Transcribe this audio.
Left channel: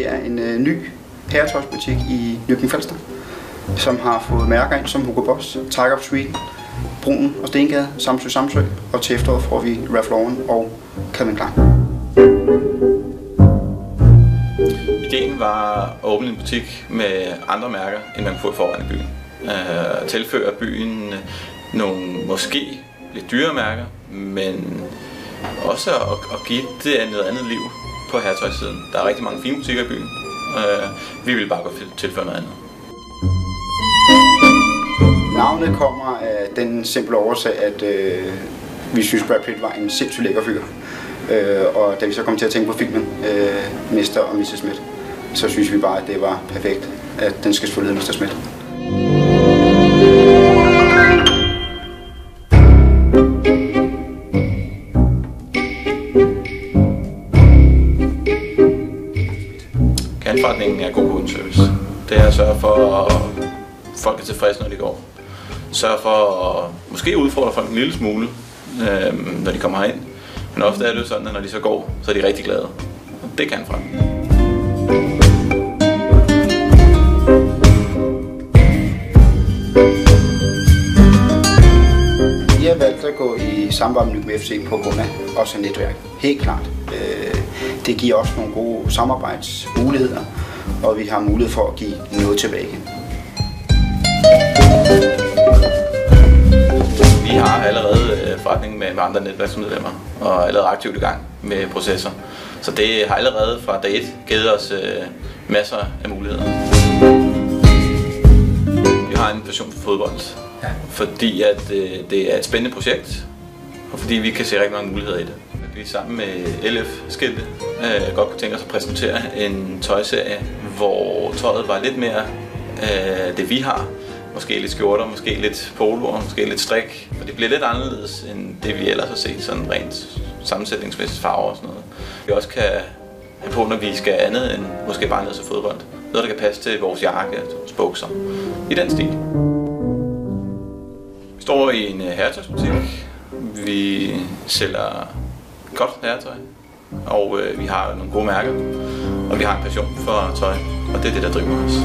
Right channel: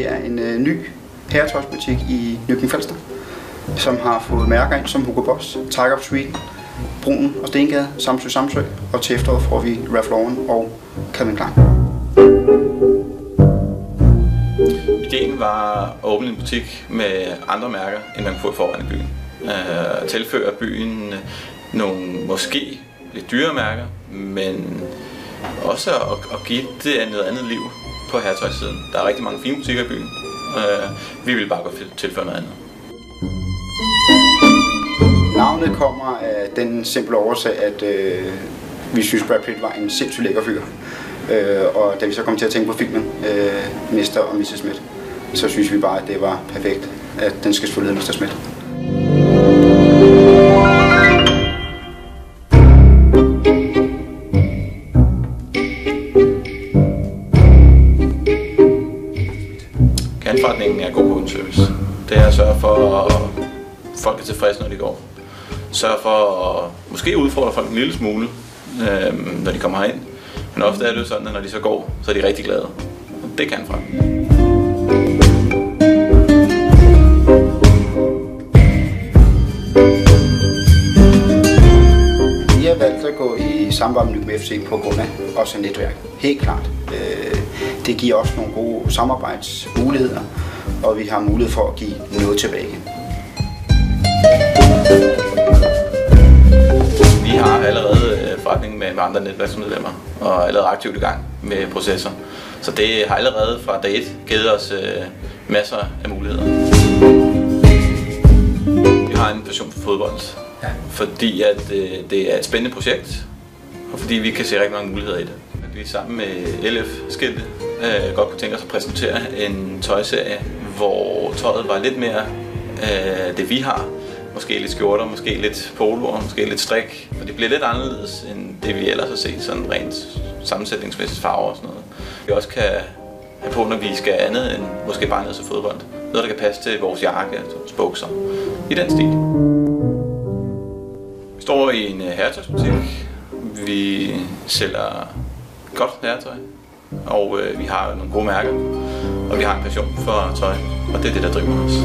det er en ny herretøjsbutik i Nykøbing Falster, som har fået mærker ind som Hugo Boss, Tiger of Sweden, Brun og Stengade, Samsø, og til efteråret får vi Ralph Lauren og Calvin Klein. Ideen var at åbne en butik med andre mærker, end man kunne få i forvejen i byen. Tilføre byen nogle måske lidt dyre mærker, men også at give det noget andet liv på herretøjssiden. Der er rigtig mange fine butikker i byen. Vi vil bare gå tilføre noget andet. Navnet kommer af den simple årsag, at vi synes Brad Pitt var en sindssygt lækker fyr. Og da vi så kom til at tænke på filmen Mr. og Mrs. Smith, så synes vi bare, at det var perfekt, at den skal selvfølgelig hedde Mr. Smith. Kerneforretningen er god kundeservice. Det er at sørge for, at folk er tilfredse, når de går. Sørge for at måske udfordre folk en lille smule, når de kommer herind. Men ofte er det jo sådan, at når de så går, så er de rigtig glade. Og det kan forretningen. Vi har valgt at gå i samarbejde med Nykøbing FC på grund af også et netværk. Helt klart. Det giver også nogle gode samarbejdsmuligheder, og vi har mulighed for at give noget tilbage igen. Vi har allerede forretning med andre netværksmedlemmer og er allerede aktivt i gang med processer. Så det har allerede fra dag 1 givet os masser af muligheder. Vi har en passion for fodbold, fordi at det er et spændende projekt, og fordi vi kan se rigtig mange muligheder i det. Vi sammen med LF-skilte godt kunne tænke os at præsentere en tøjserie, hvor tøjet var lidt mere det vi har. Måske lidt skjorter, måske lidt poloer, måske lidt strik. For det bliver lidt anderledes end det vi ellers har set, sådan rent sammensætningsmæssigt farver og sådan noget. Vi også kan have på, når vi skal andet end måske bare ned til fodbold. Noget, der kan passe til vores jakke, altså bukser. I den stil. Vi står i en herretøjsbutik. Vi sælger godt herretøj, og vi har nogle gode mærker, og vi har en passion for tøj, og det er det, der driver os.